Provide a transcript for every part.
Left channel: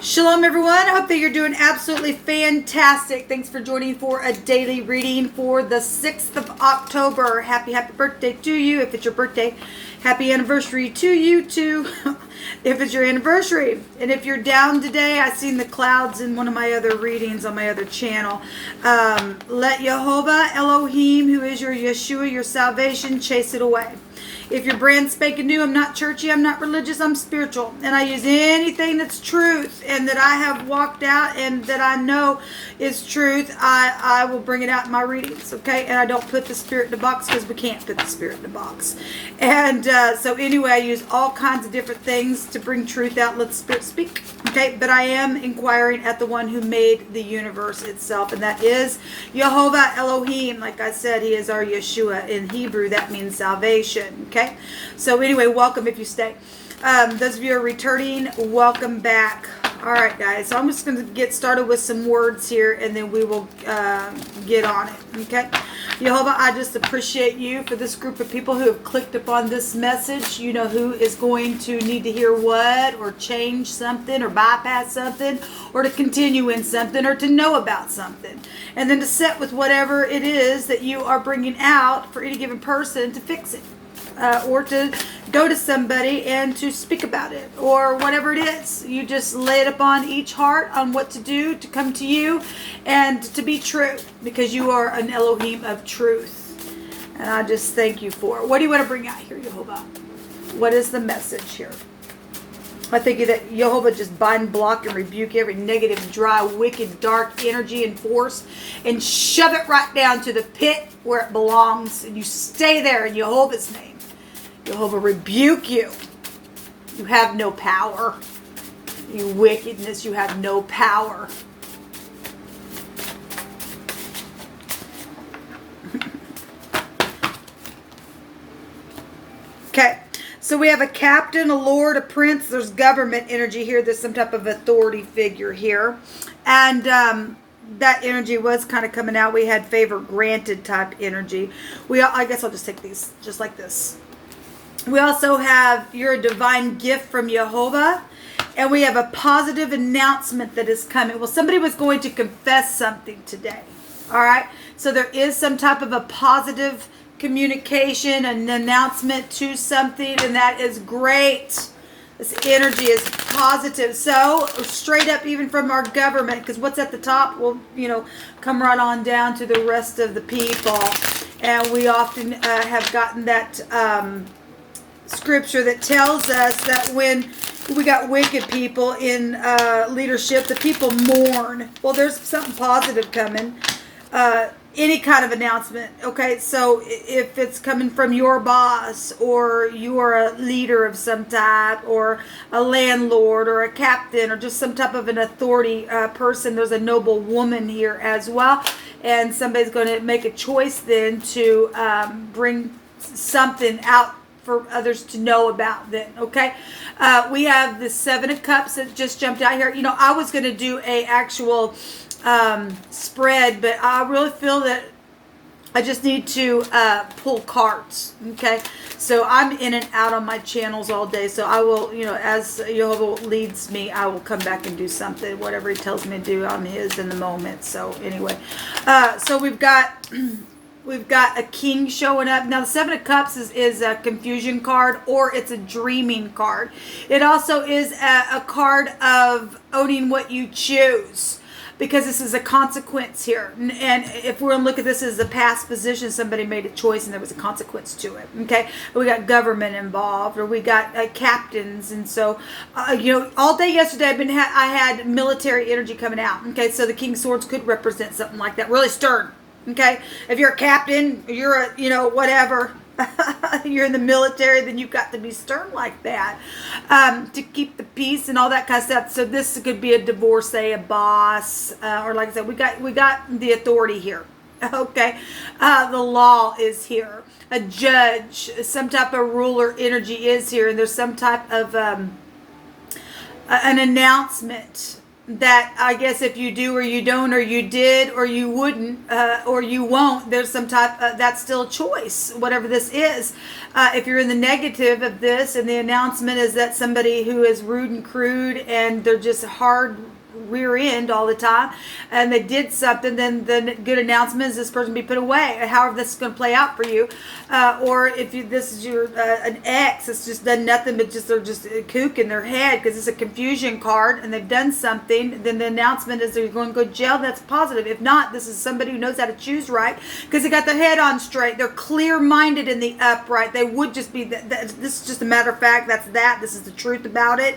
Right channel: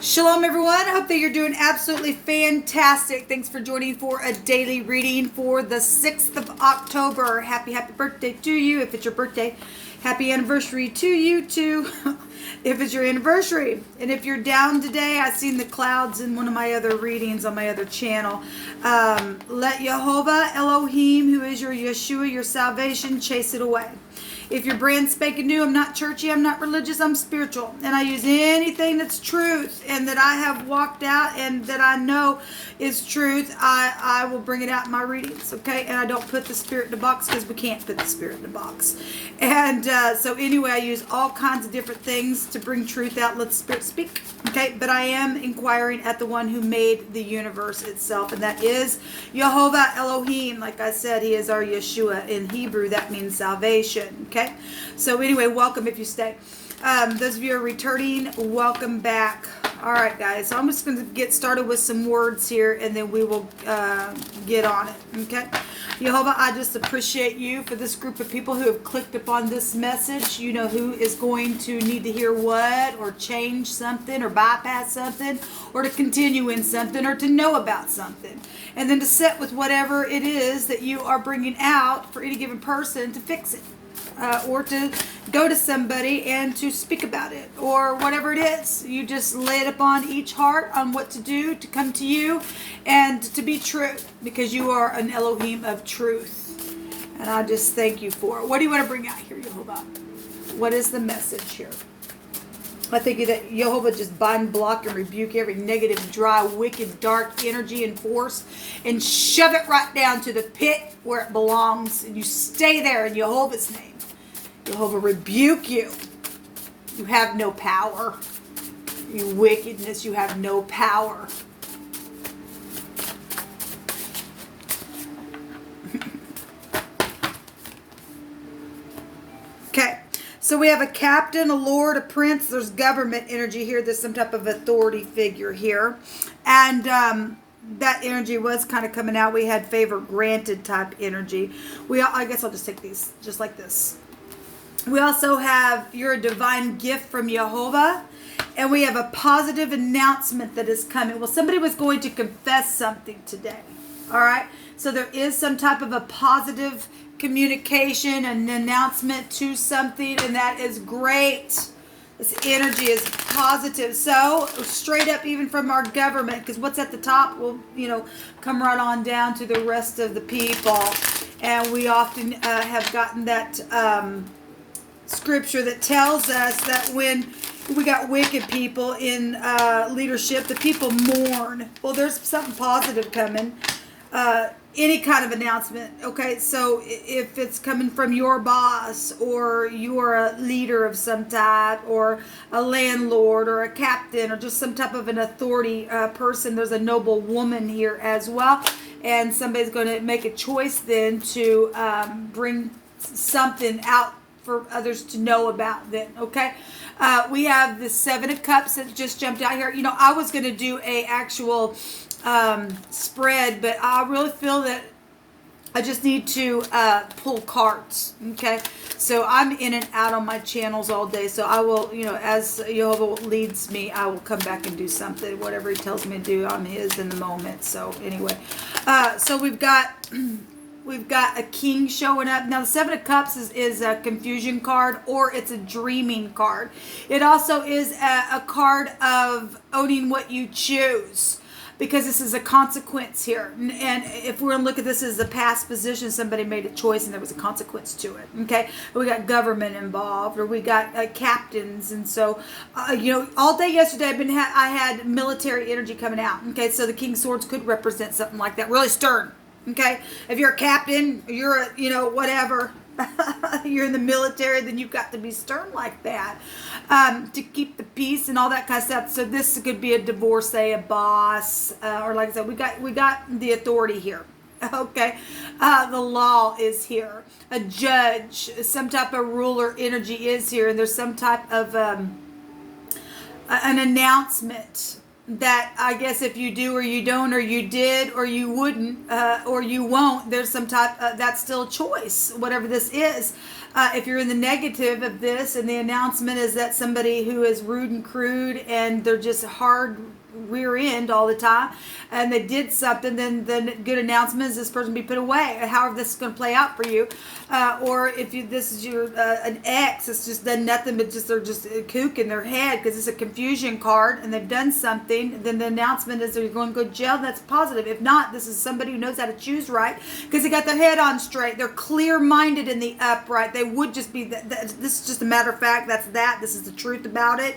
Shalom, everyone. I hope that you're doing absolutely fantastic. Thanks for joining for a daily reading for the 6th of October. Happy birthday to you. If it's your birthday, happy anniversary to you too. If it's your anniversary. And if you're down today, I seen the clouds in one of my other readings on my other channel. Let Jehovah Elohim, who is your Yeshua, your salvation, chase it away. If you're brand spanking new, I'm not churchy, I'm not religious, I'm spiritual. And I use anything that's truth and that I have walked out and that I know is truth, I will bring it out in my readings, okay? And I don't put the spirit in the box because we can't put the spirit in the box. And so anyway, I use all kinds of different things to bring truth out, let the spirit speak, okay? But I am inquiring at the one who made the universe itself, and that is Jehovah Elohim. Like I said, he is our Yeshua. In Hebrew, that means salvation, okay? So anyway, welcome if you stay. Those of you who are returning, welcome back. All right, guys. So I'm just going to get started with some words here, and then we will get on it. Okay, Jehovah, I just appreciate you for this group of people who have clicked upon this message. You know who is going to need to hear what, or change something, or bypass something, or to continue in something, or to know about something, and then to set with whatever it is that you are bringing out for any given person to fix it. Or to go to somebody and to speak about it, or whatever it is. You just lay it upon each heart on what to do to come to you and to be true, because you are an Elohim of truth. And I just thank you for it. What do you want to bring out here, Jehovah? What is the message here? I think that Jehovah just bind, block, and rebuke every negative, dry, wicked, dark energy and force and shove it right down to the pit where it belongs. And you stay there in Jehovah's name. Jehovah rebuke you. You have no power. You wickedness, you have no power. Okay. So we have a captain, a lord, a prince. There's government energy here. There's some type of authority figure here. And that energy was kind of coming out. We had favor granted type energy. I guess I'll just take these just like this. We also have your divine gift from Jehovah. And we have a positive announcement that is coming. Well, somebody was going to confess something today. All right. So there is some type of a positive communication, an announcement to something, and that is great. This energy is positive. So straight up, even from our government, because what's at the top will, come right on down to the rest of the people. And we often have gotten that scripture that tells us that when we got wicked people in leadership, the people mourn. Well, there's something positive coming. Any kind of announcement, okay? So if it's coming from your boss, or you're a leader of some type, or a landlord, or a captain, or just some type of an authority person, there's a noble woman here as well. And somebody's going to make a choice then to bring something out for others to know about then, okay? We have the 7 of Cups that just jumped out here. I was going to do a actual spread, but I really feel that I just need to pull cards, okay? So I'm in and out on my channels all day, so I will, as Jehovah leads me, I will come back and do something, whatever he tells me to do. I'm his in the moment. So anyway, so we've got a king showing up. Now, the 7 of Cups is a confusion card, or it's a dreaming card. It also is a card of owning what you choose, because this is a consequence here. And if we're going to look at this as a past position, somebody made a choice and there was a consequence to it, okay? We got government involved, or we got captains. And so, all day yesterday I had military energy coming out, okay? So the King's Swords could represent something like that, really stern. Okay, if you're a captain, you're a, whatever, you're in the military, then you've got to be stern like that to keep the peace and all that kind of stuff. So this could be a divorcee, a boss, or like I said, we got the authority here. Okay, the law is here. A judge, some type of ruler energy is here, and there's some type of an announcement that I guess if you do or you don't or you did or you wouldn't or you won't, there's some type that's still a choice, whatever this is. If you're in the negative of this and the announcement is that somebody who is rude and crude and they're just hard rear end all the time and they did something, then the good announcement is this person be put away. However this is going to play out for you, or if this is your an ex that's just done nothing but just they're just a kook in their head because it's a confusion card and they've done something, then the announcement is they're going to go to jail. That's positive. If not, this is somebody who knows how to choose right because they got their head on straight. They're clear-minded in the upright. They would just be this is just a matter of fact. This is the truth about it.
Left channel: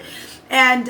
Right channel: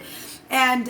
And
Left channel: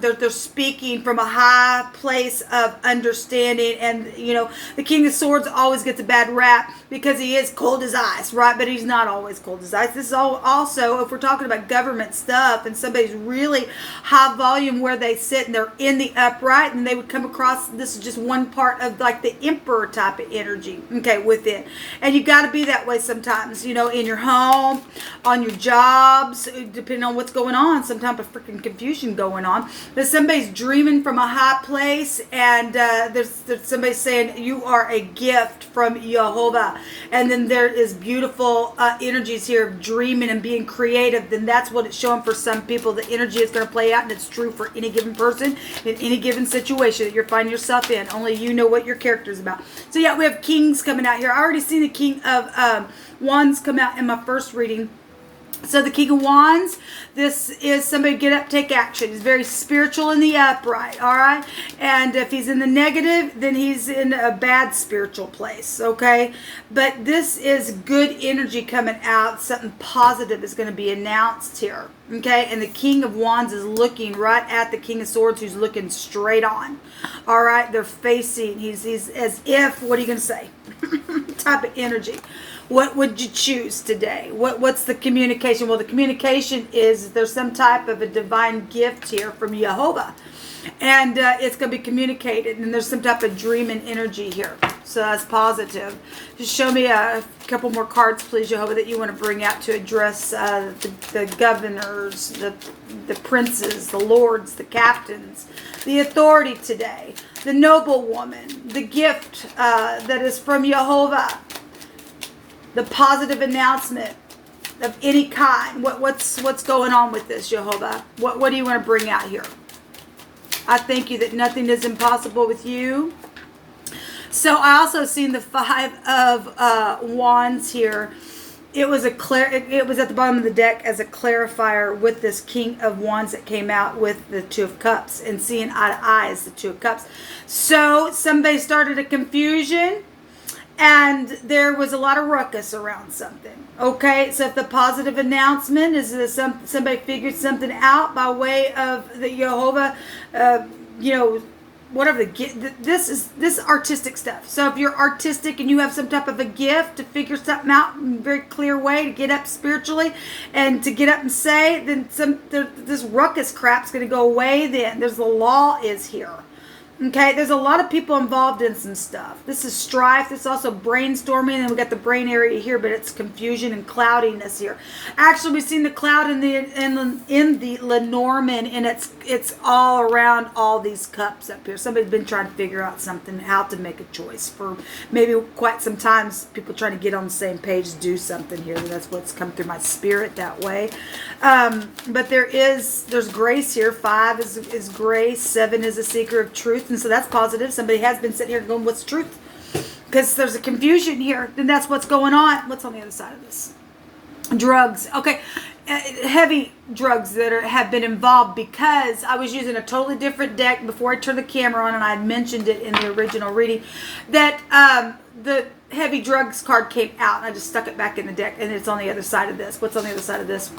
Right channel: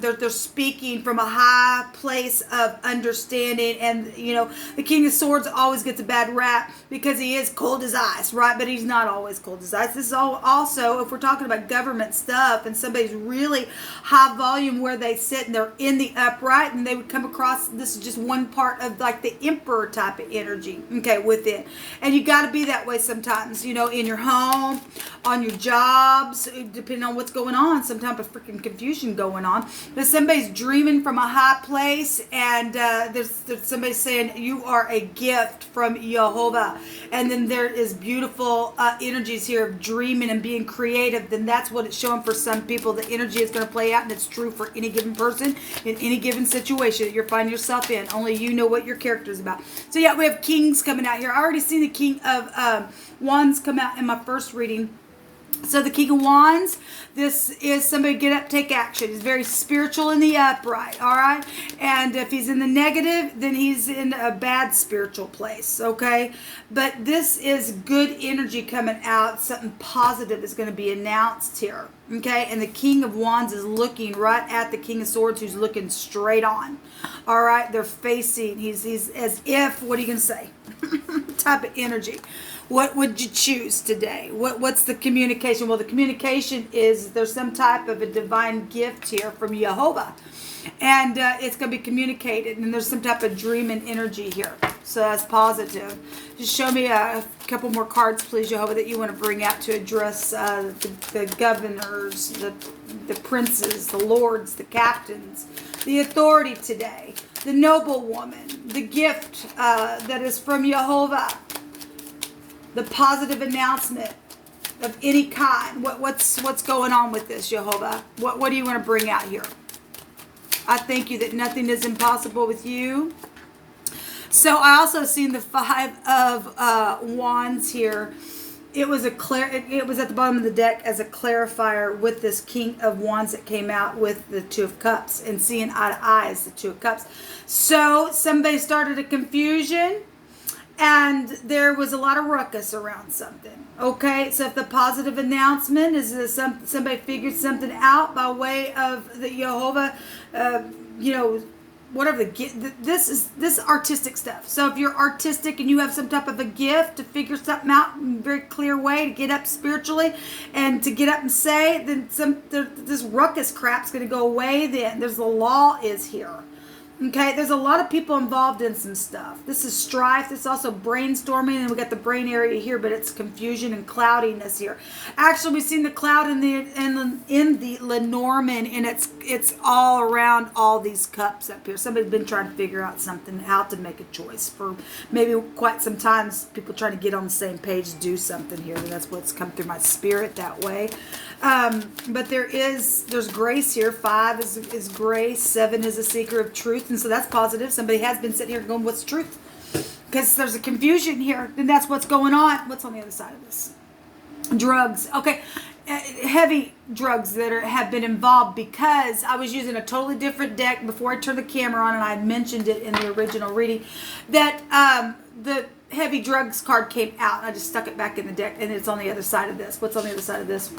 they're speaking from a high place of understanding. And, you know, the King of Swords always gets a bad rap because he is cold as ice, right? But he's not always cold as ice. This is also, if we're talking about government stuff and somebody's really high volume where they sit and they're in the upright and they would come across, this is just one part of like the emperor type of energy, okay, with it. And you got to be that way sometimes, you know, in your home, on your jobs, depending on what's going on, some type of freaking confusion going on. But somebody's dreaming from a high place and there's somebody saying you are a gift from Jehovah, and then there is beautiful energies here of dreaming and being creative. Then that's what it's showing for some people. The energy is going to play out, and it's true for any given person in any given situation that you're finding yourself in. Only you know what your character is about. So yeah, we have kings coming out here. I already seen the King of Wands come out in my first reading. So the King of Wands, this is somebody get up, take action. He's very spiritual in the upright, all right? And if he's in the negative, then he's in a bad spiritual place, okay? But this is good energy coming out. Something positive is going to be announced here, okay? And the King of Wands is looking right at the King of Swords, who's looking straight on, all right? They're facing, he's as if, what are you going to say? Type of energy. What would you choose today? What's the communication? Well, the communication is there's some type of a divine gift here from Jehovah. And it's going to be communicated. And there's some type of dream and energy here. So that's positive. Just show me a couple more cards, please, Jehovah, that you want to bring out to address the governors, the princes, the lords, the captains, the authority today, the noble woman, the gift that is from Jehovah. The positive announcement of any kind. What's going on with this, Jehovah? What do you want to bring out here? I thank you that nothing is impossible with you. So I also seen the Five of Wands here. It was it was at the bottom of the deck as a clarifier with this King of Wands that came out with the Two of Cups and seeing eye to eye as the Two of Cups. So somebody started a confusion. And there was a lot of ruckus around something. Okay, so if the positive announcement is that somebody figured something out by way of the Jehovah, you know, whatever this artistic stuff. So if you're artistic and you have some type of a gift to figure something out in a very clear way to get up spiritually and to get up and say, then this ruckus crap's going to go away. Then the law is here. Okay, there's a lot of people involved in some stuff. This is strife. This is also brainstorming, and we got the brain area here, but it's confusion and cloudiness here. Actually, we've seen the cloud in the Lenormand, and it's all around all these cups up here. Somebody's been trying to figure out something, how to make a choice for maybe quite some time. People trying to get on the same page, do something here. That's what's come through my spirit that way. But there's grace here. 5 is grace. 7 is a seeker of truth. And so that's positive. Somebody has been sitting here going, what's truth? Because there's a confusion here. Then that's what's going on. What's on the other side of this? Drugs. Okay. Heavy drugs that have been involved, because I was using a totally different deck before I turned the camera on, and I mentioned it in the original reading that the heavy drugs card came out. I just stuck it back in the deck, and it's on the other side of this. What's on the other side of this?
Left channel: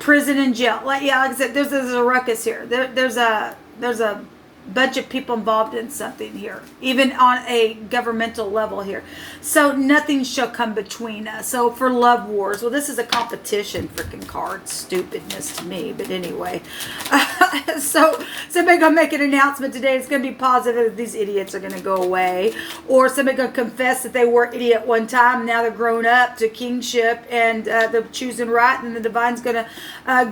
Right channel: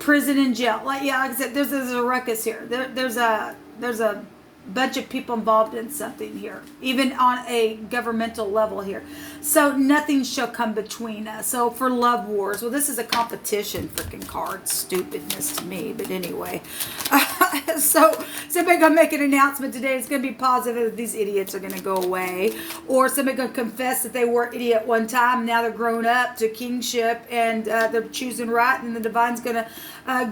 Prison and jail. Like I said, there's a ruckus here. There's a bunch of people involved in something here, even on a governmental level here. So nothing shall come between us. So for love wars, well, this is a competition freaking card. Stupidness to me, but anyway. So somebody gonna make an announcement today. It's gonna be positive that these idiots are gonna go away, or somebody gonna confess that they were idiot one time. Now they're grown up to kingship and they're choosing right, and the divine's gonna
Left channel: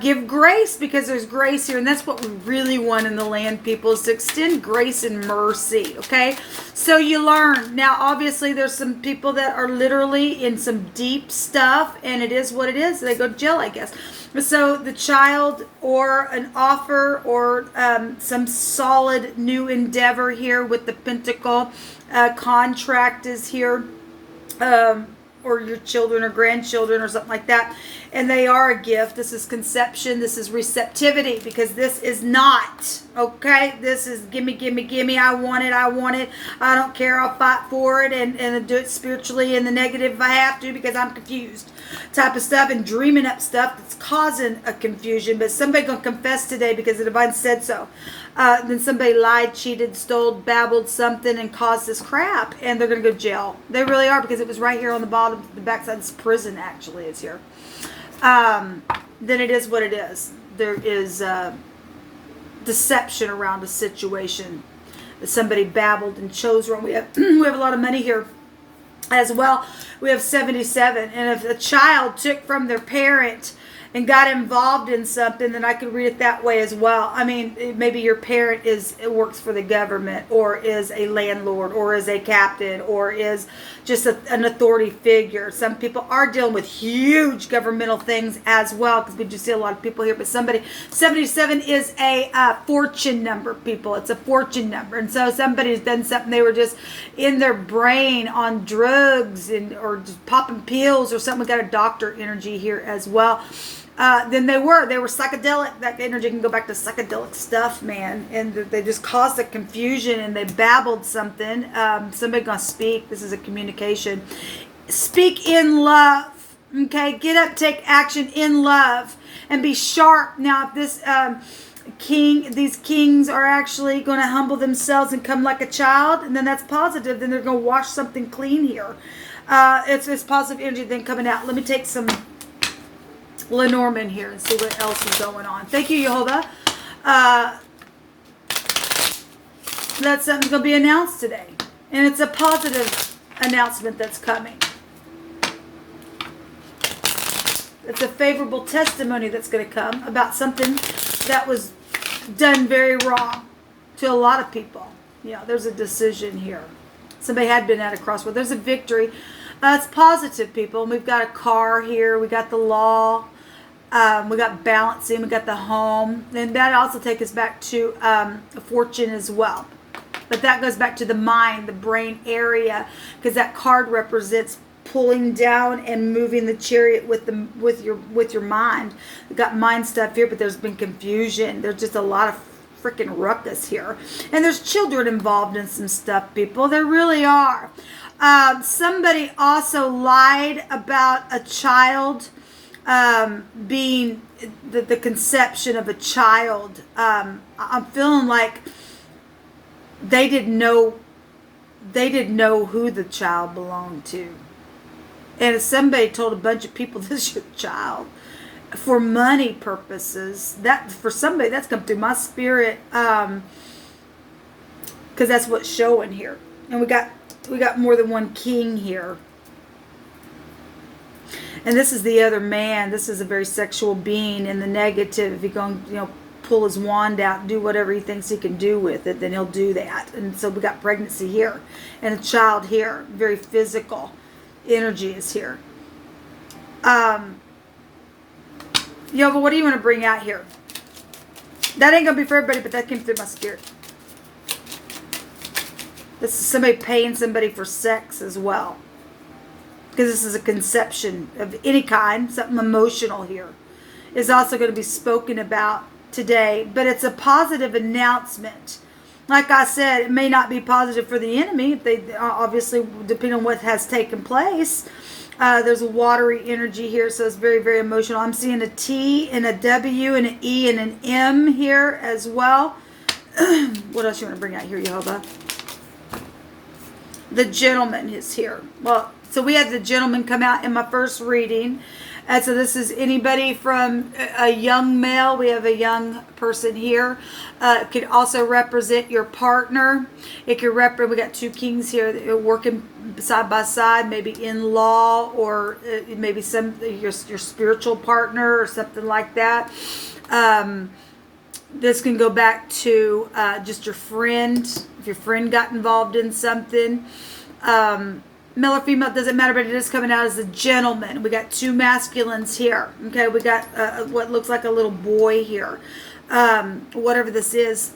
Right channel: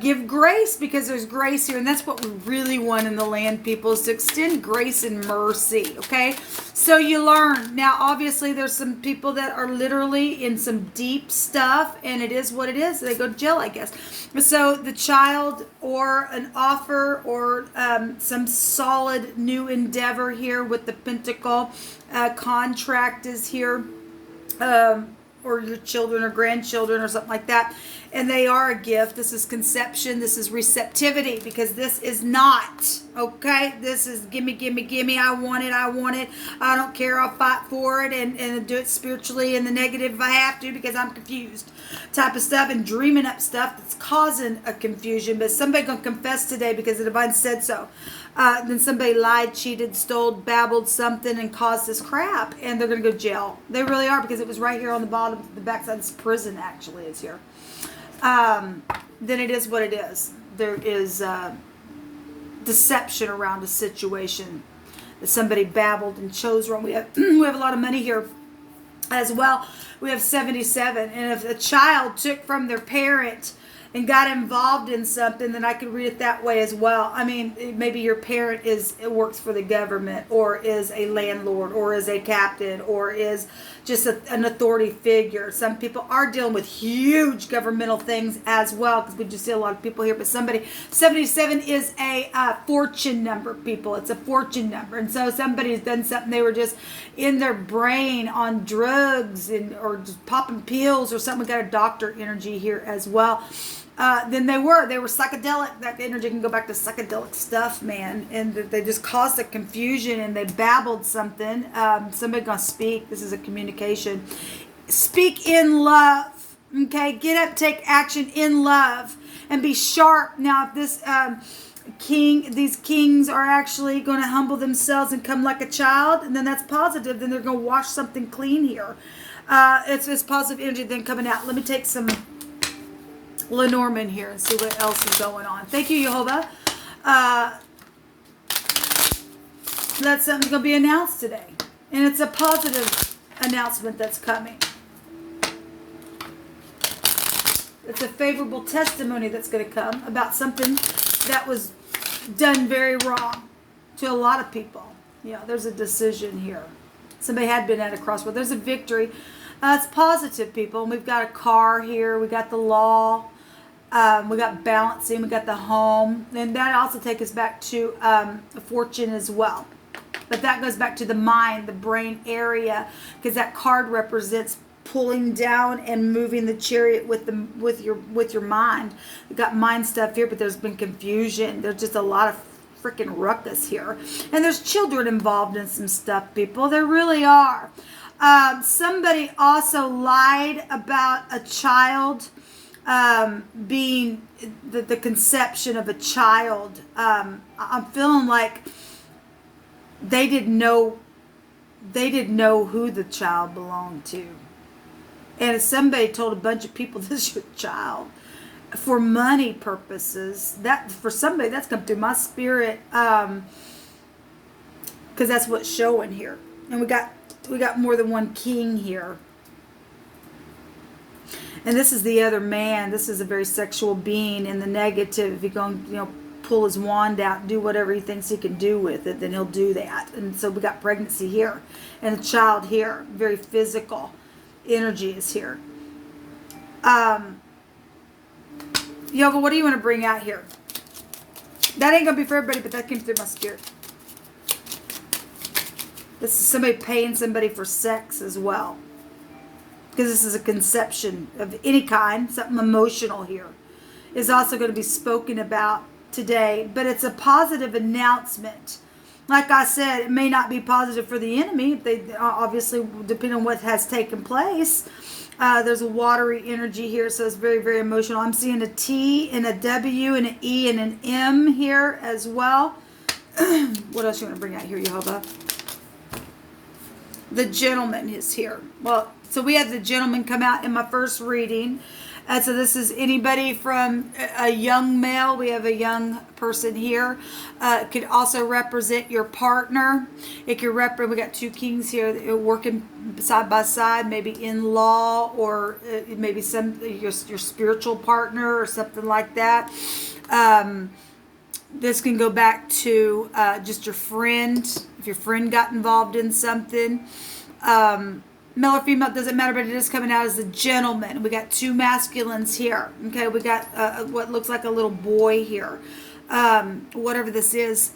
give grace, because there's grace here, and that's what we really want in the land, people, is to extend grace and mercy, okay? So you learn. Now, obviously, there's some people that are literally in some deep stuff, and it is what it is. They go to jail, I guess. So the child or an offer or some solid new endeavor here with the Pentacle contract is here. Or your children or grandchildren or something like that. And they are a gift. This is conception. This is receptivity, because this is not, okay? This is gimme, gimme, gimme. I want it. I want it. I don't care. I'll fight for it and do it spiritually in the negative if I have to, because I'm confused type of stuff and dreaming up stuff that's causing a confusion. But somebody going to confess today because the divine said so. Then somebody lied, cheated, stole, babbled something, and caused this crap, and they're going to go to jail. They really are, because it was right here on the bottom, the backside of this prison actually is here. Then it is what it is. There is deception around a situation. Somebody babbled and chose wrong. We have a lot of money here as well. We have 77, and if a child took from their parent and got involved in something, then I could read it that way as well. I mean, maybe your parent works for the government, or is a landlord, or is a captain, or is just an authority figure. Some people are dealing with huge governmental things as well, because we just see a lot of people here. But 77 is a fortune number, people. It's a fortune number. And so somebody's done something, they were just in their brain on drugs or just popping pills or something. We got a doctor energy here as well. Then they were psychedelic. That energy can go back to psychedelic stuff, man. And they just caused a confusion, and they babbled something. Somebody gonna speak. This is a communication. Speak in love. Okay, get up, take action in love, and be sharp. Now, if this these kings are actually going to humble themselves and come like a child, and then that's positive. Then they're going to wash something clean here. It's positive energy then coming out. Let me take some Lenormand here and see what else is going on. Thank you, Jehovah. That's something going to be announced today, and it's a positive announcement that's coming. It's a favorable testimony that's going to come about something that was done very wrong to a lot of people. Yeah, there's a decision here. Somebody had been at a crossroad. There's a victory. It's positive, people. And we've got a car here. We got the law. We got balancing. We got the home. And that also takes us back to fortune as well. But that goes back to the mind, the brain area, because that card represents pulling down and moving the chariot with your mind. We got mind stuff here, but there's been confusion. There's just a lot of freaking ruckus here, and there's children involved in some stuff, people. There really are. Somebody also lied about a child being the conception of a child. I'm feeling like they didn't know who the child belonged to. And if somebody told a bunch of people this is your child for money purposes, that for somebody that's come through my spirit, because that's what's showing here. And we got more than one king here. And this is the other man. This is a very sexual being in the negative. If he's going to, pull his wand out and do whatever he thinks he can do with it, then he'll do that. And so we got pregnancy here and a child here, very physical. Energy is here. But what do you want to bring out here? That ain't going to be for everybody, but that came through my spirit. This is somebody paying somebody for sex as well. Because this is a conception of any kind, something emotional here. Is also going to be spoken about today, but it's a positive announcement. Like I said, it may not be positive for the enemy. If they obviously, depending on what has taken place. There's a watery energy here, so it's very, very emotional. I'm seeing a T and a W and an E and an M here as well. What else you want to bring out here, Jehovah? The gentleman is here. Well, so we had the gentleman come out in my first reading. And so this is anybody from a young male. We have a young person here. It could also represent your partner. It could represent, we got two kings here that are working side by side, maybe in law, or maybe your spiritual partner or something like that. This can go back to just your friend. If your friend got involved in something. Male or female, doesn't matter, but it is coming out as a gentleman. We got two masculines here. Okay, we got what looks like a little boy here. Whatever this is.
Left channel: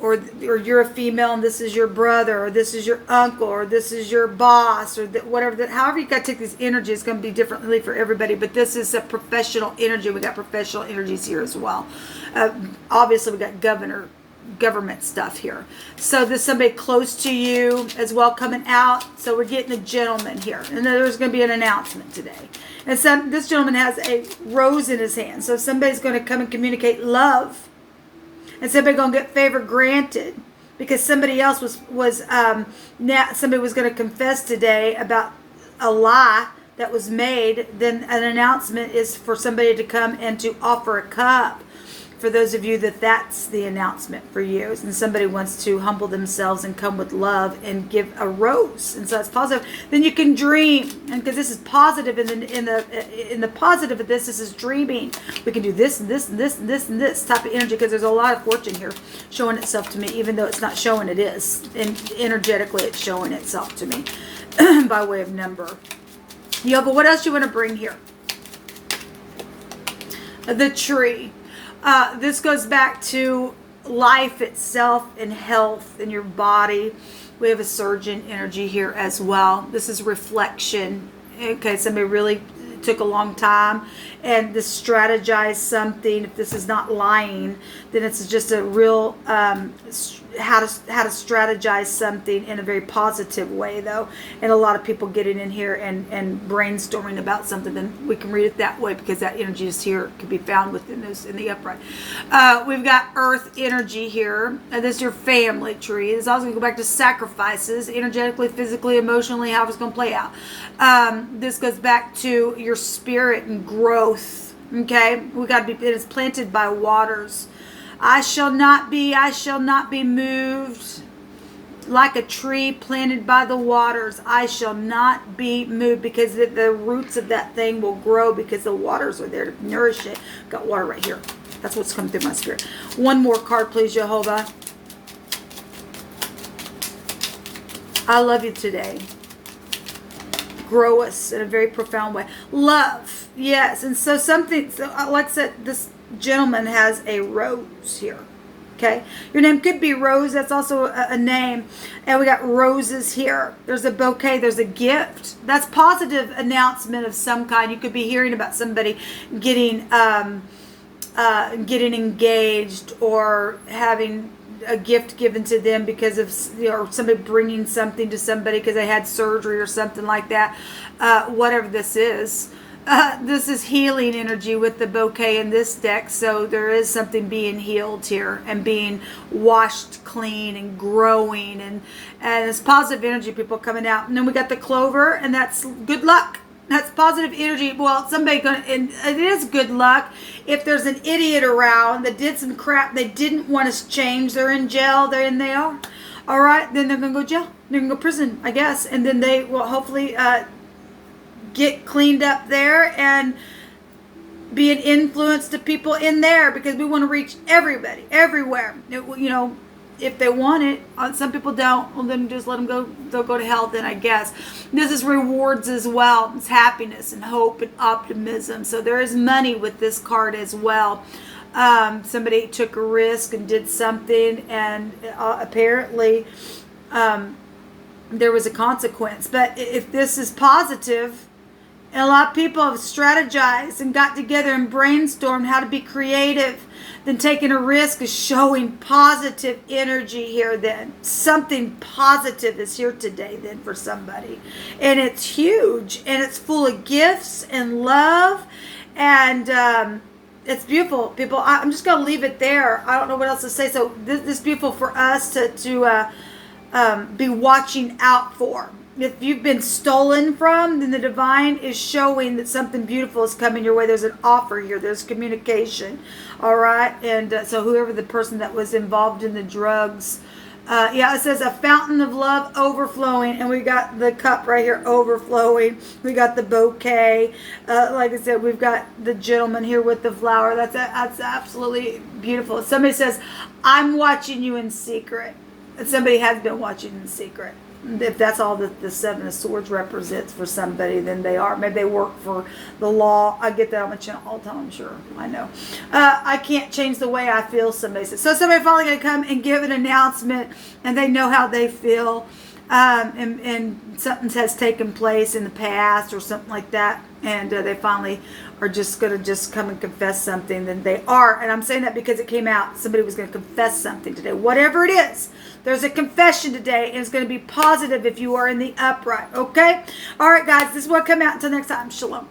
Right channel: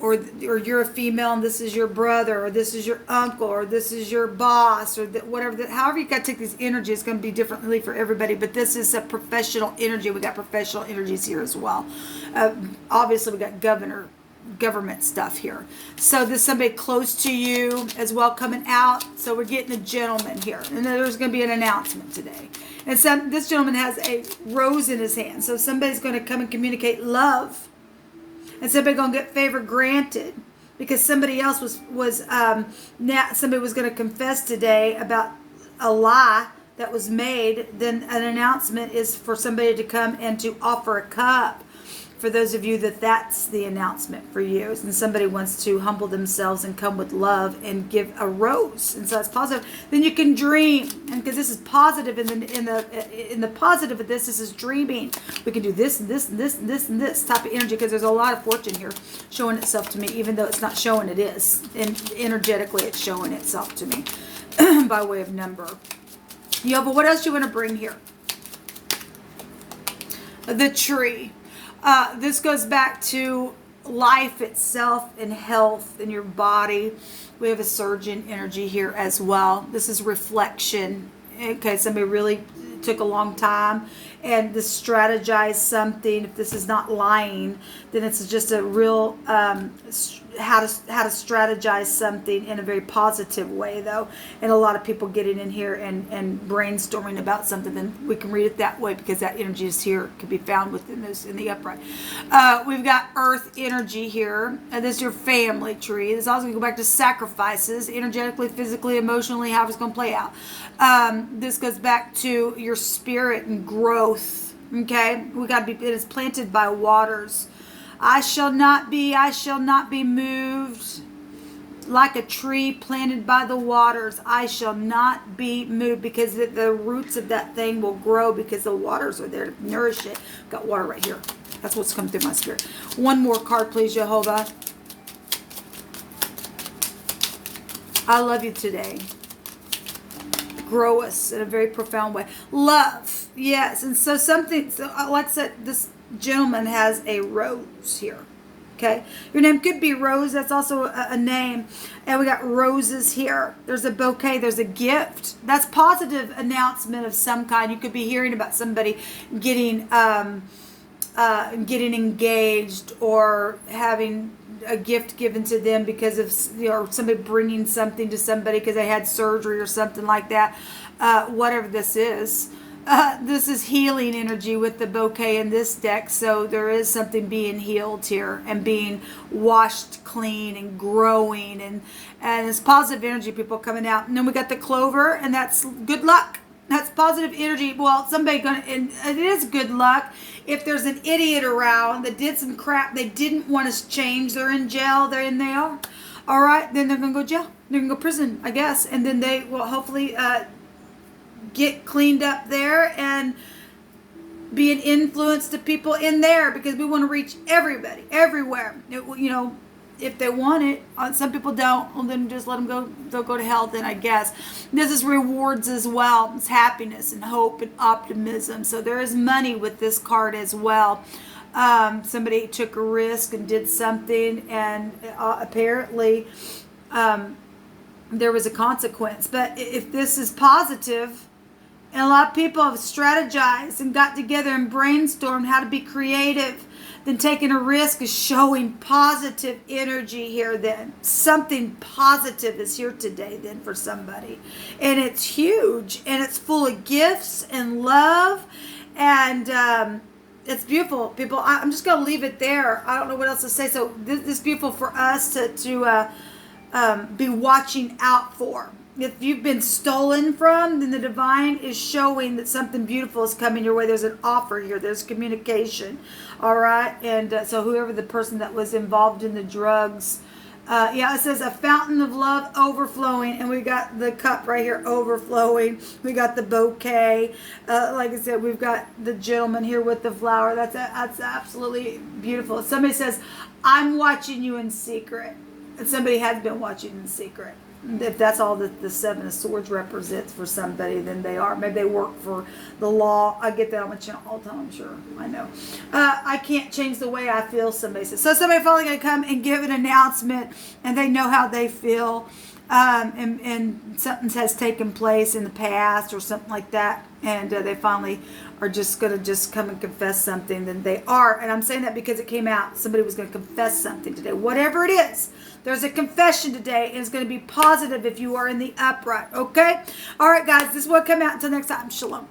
Or you're a female and this is your brother, or this is your uncle, or this is your boss, or whatever. However you got to take these energies, it's going to be differently for everybody. But this is a professional energy. We got professional energies here as well. Obviously, we got government stuff here. So there's somebody close to you as well coming out. So we're getting a gentleman here, and then there's going to be an announcement today. And this gentleman has a rose in his hand. So somebody's going to come and communicate love. And somebody gonna get favor granted because somebody else somebody was gonna confess today about a lie that was made. Then an announcement is for somebody to come and to offer a cup. For those of you that's the announcement for you, and somebody wants to humble themselves and come with love and give a rose, and so it's positive. Then you can dream, and because this is positive, in the positive of this is dreaming. We can do this and this and this and this and this type of energy because there's a lot of fortune here showing itself to me, even though it's not showing it is, and energetically it's showing itself to me by way of number. But what else you want to bring here? The tree. This goes back to life itself and health in your body. We have a surgeon energy here as well. This is reflection. Okay, somebody really took a long time and to strategize something. If this is not lying, then it's just a real how to strategize something in a very positive way, though. And a lot of people getting in here and brainstorming about something, then we can read it that way because that energy is here, can be found within those in the upright. We've got earth energy here, and this is your family tree. It's also going to go back to sacrifices, energetically, physically, emotionally, how it's going to play out. This goes back to your spirit and growth. Okay, we got to be. It is planted by waters. I shall not be moved. Like a tree planted by the waters, I shall not be moved, because the roots of that thing will grow because the waters are there to nourish it. Got water right here. That's what's coming through my spirit. One more card, please, Jehovah. I love you today. Grow us in a very profound way. Love, yes. And so like I said, this gentleman has a rose here. Okay, your name could be Rose. That's also a name. And we got roses here. There's a bouquet. There's a gift. That's positive announcement of some kind. You could be hearing about somebody getting engaged, or having a gift given to them because of, or somebody bringing something to somebody because they had surgery or something like that. Whatever this is. This is healing energy with the bouquet in this deck. So there is something being healed here and being washed clean and growing. And it's positive energy, people coming out. And then we got the clover, and that's good luck. That's positive energy. Well, and it is good luck if there's an idiot around that did some crap they didn't want to change. They're in jail. They are. All right. Then they're going to go jail. They're going to go prison, I guess. And then they will hopefully get cleaned up there and be an influence to people in there, because we want to reach everybody, everywhere. If they want it. Some people don't. Well, then just let them go. They'll go to hell then, I guess. This is rewards as well. It's happiness and hope and optimism. So there is money with this card as well. Somebody took a risk and did something, and apparently there was a consequence. But if this is positive, and a lot of people have strategized and got together and brainstormed how to be creative, then taking a risk is showing positive energy here then. Something positive is here today then for somebody. And it's huge. And it's full of gifts and love. And it's beautiful, people. I'm just going to leave it there. I don't know what else to say. So this is beautiful for us to be watching out for. If you've been stolen from, then the divine is showing that something beautiful is coming your way. There's an offer here. There's communication. All right. And so whoever the person that was involved in the drugs, Yeah, it says a fountain of love overflowing, and we got the cup right here overflowing. We got the bouquet. Like I said, we've got the gentleman here with the flower. That's absolutely beautiful. Somebody says, I'm watching you in secret. And somebody has been watching in secret. If that's all that the Seven of Swords represents for somebody, then they are. Maybe they work for the law. I get that on my channel all the time, I'm sure. I know. I can't change the way I feel, somebody says. So somebody finally going to come and give an announcement, and they know how they feel, and something has taken place in the past or something like that, and they finally are just going to just come and confess something. Then they are. And I'm saying that because it came out. Somebody was going to confess something today. Whatever it is. There's a confession today, and it's going to be positive if you are in the upright, okay? All right, guys, this is what come out. Until next time, shalom.